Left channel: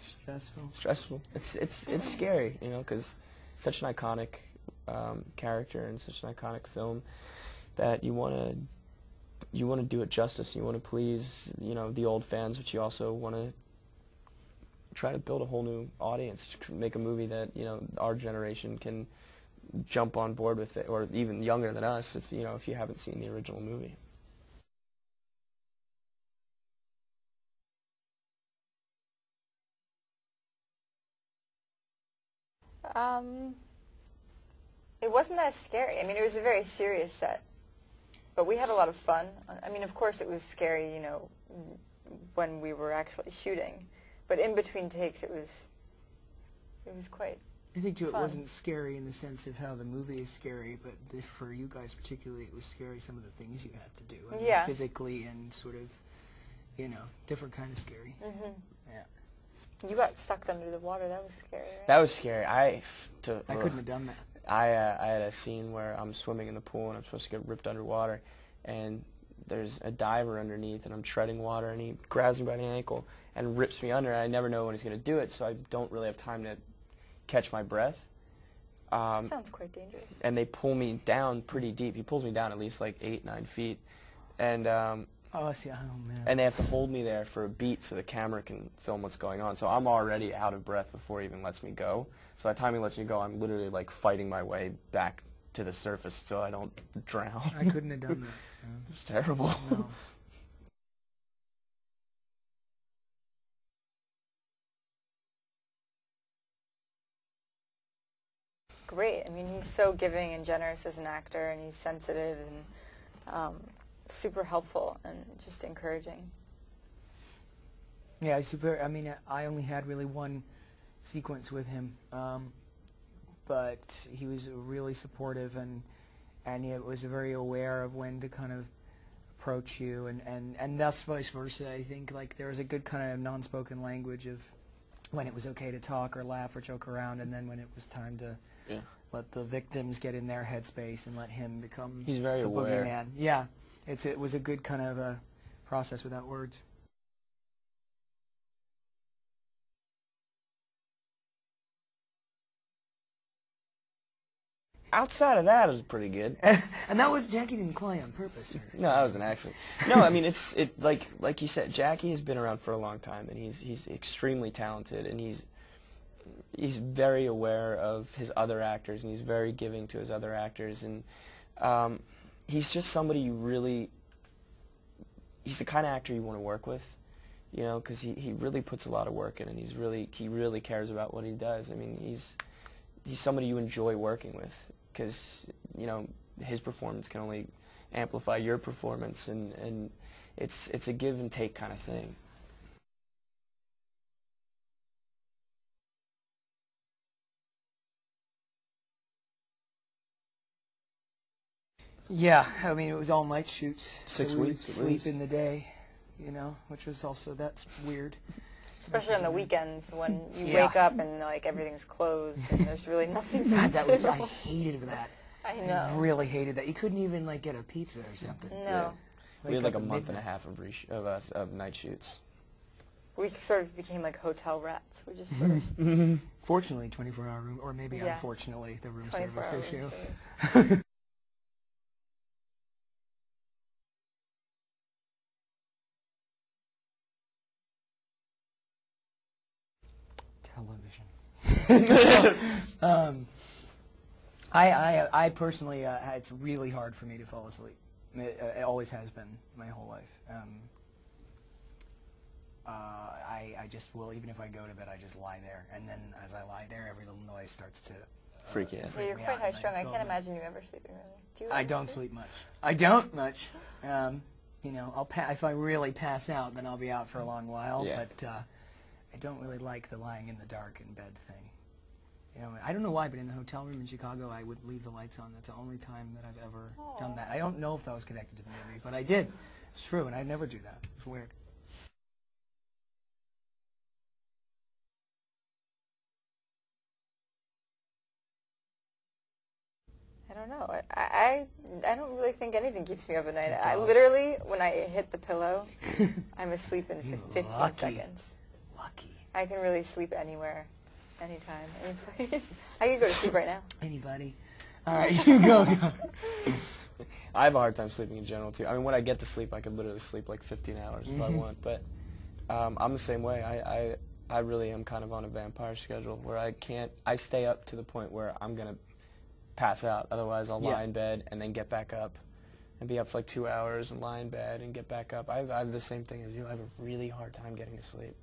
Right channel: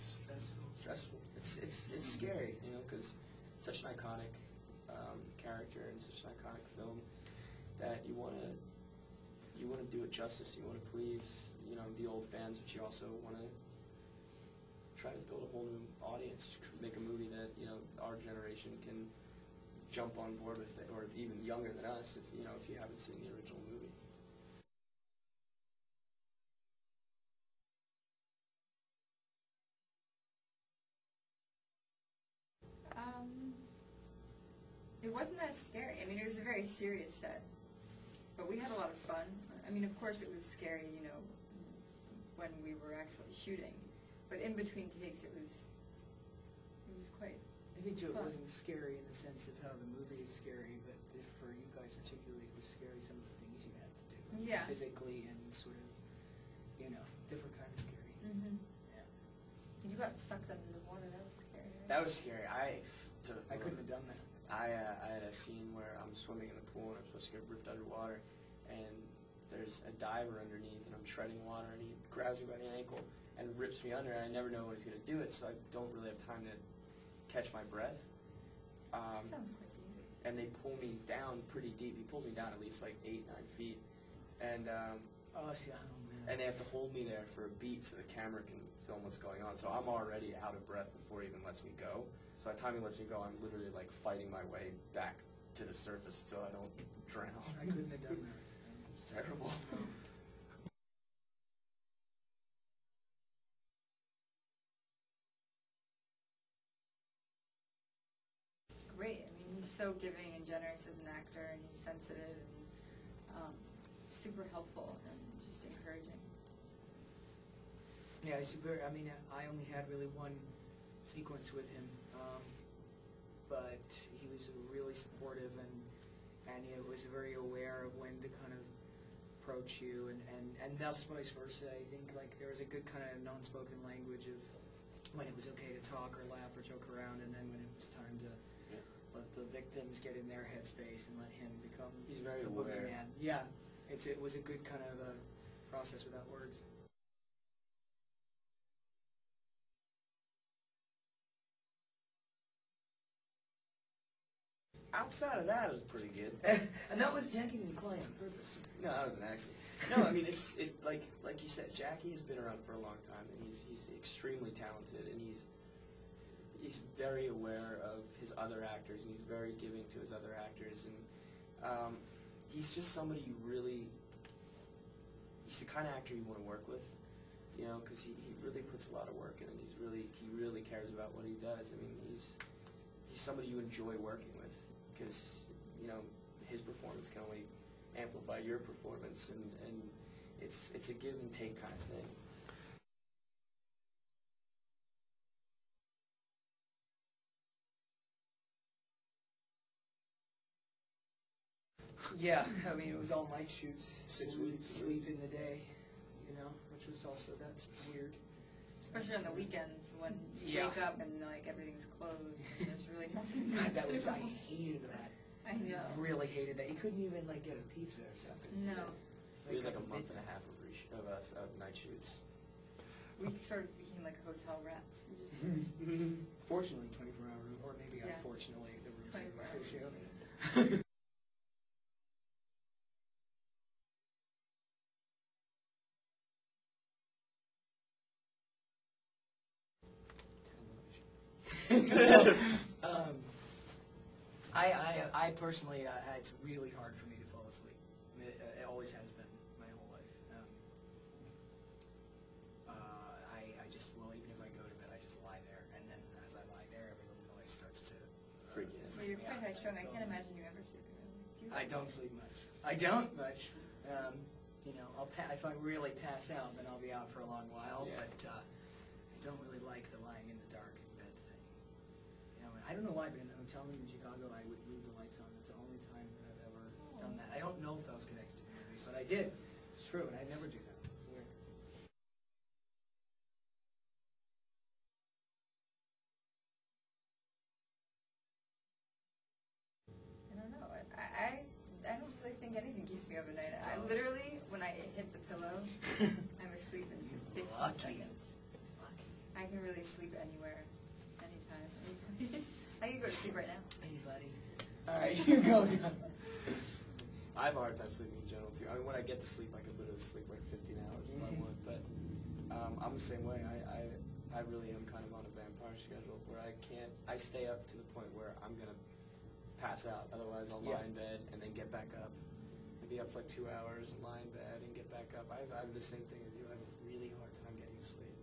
stressful. Stressful. It's scary, you know, because such an iconic character and such an iconic film that you want to do it justice. You want to please, you know, the old fans, but you also want to try to build a whole new audience, to make a movie that, you know, our generation can jump on board with it, or even younger than us, if you haven't seen the original movie. It wasn't that scary. I mean, it was a very serious set, but we had a lot of fun. I mean, of course, it was scary, you know, when we were actually shooting, but in between takes, it was quite. I think too, fun. It wasn't scary in the sense of how the movie is scary, but for you guys particularly, it was scary. Some of the things you had to do, I mean, Yeah. physically and sort of, you know, different kind of scary. Mm-hmm. Yeah, You got sucked under the water. That was scary, right? That was scary. I couldn't have done that. I had a scene where I'm swimming in the pool and I'm supposed to get ripped underwater, and there's a diver underneath, and I'm treading water, and he grabs me by the ankle and rips me under. And I never know when he's going to do it, so I don't really have time to catch my breath. That sounds quite dangerous. And they pull me down pretty deep. He pulls me down at least like 8-9 feet, and Oh, see, oh man. and they have to hold me there for a beat so the camera can film what's going on. So I'm already out of breath before he even lets me go. So by the time he lets me go, I'm literally like fighting my way back to the surface so I don't drown. I couldn't have done that. It's terrible. No. Great. I mean, he's so giving and generous as an actor, and he's sensitive and super helpful and just encouraging. Yeah, he's very. I mean, I only had really one sequence with him, but he was really supportive, and he was very aware of when to kind of approach you, and thus vice versa. I think like there was a good kind of non-spoken language of when it was okay to talk or laugh or joke around, and then when it was time to let the victims get in their headspace and let him become He's very the aware. boogeyman. Yeah, it was a good kind of a process without words. Outside of that, it was pretty good. And that was Jackie didn't call you on purpose. Or? No, that was an accident. No, I mean it's like you said, Jackie has been around for a long time, and he's extremely talented, and he's very aware of his other actors, and he's very giving to his other actors, and he's just somebody you really. He's the kind of actor you want to work with, you know, because he really puts a lot of work in, and he really cares about what he does. I mean, he's somebody you enjoy working with, because you know his performance can only amplify your performance, and it's a give and take kind of thing. Yeah, I mean it was all night shoots. 6 so we would weeks at sleep least. in the day, you know, which was also that's weird. Especially on the weekends when you Yeah. wake up and like everything's closed and there's really nothing to God, that was do. I hated that. I know. I really hated that. You couldn't even like get a pizza or something. No. Yeah. We had like a up at month and a midnight. half of night shoots. We sort of became like hotel rats. We just sort of Fortunately, 24-hour room, or maybe Yeah. unfortunately, the room 24 service hours. issue. Television. I personally, it's really hard for me to fall asleep. It always has been my whole life. I just will, even if I go to bed, I just lie there, and then as I lie there, every little noise starts to Freak you out. Yeah, you're me quite out, high and strung. I go can't to- imagine you ever sleeping really. Do you? I ever don't sleep much. I don't much. You know, if I really pass out, then I'll be out for a long while. Yeah. But I don't really like the lying in the dark in bed thing. You know, I don't know why, but in the hotel room in Chicago, I would leave the lights on. That's the only time that I've ever done Aw. that. I don't know if that was connected to the movie, but I did. It's true, and I never do that. It's weird. I don't know. I don't really think anything keeps me up at night. I literally, when I hit the pillow, I'm asleep in 15 Lucky. seconds. Lucky. I can really sleep anywhere, anytime, any place. I could go to sleep right now. Anybody? All right, you go. I have a hard time sleeping in general too. I mean, when I get to sleep, I could literally sleep like 15 hours if I want. But I'm the same way. I really am kind of on a vampire schedule where I stay up to the point where I'm gonna pass out. Otherwise, I'll lie in bed and then get back up and be up for like 2 hours and lie in bed and get back up. I have the same thing as you. I have a really hard time getting to sleep.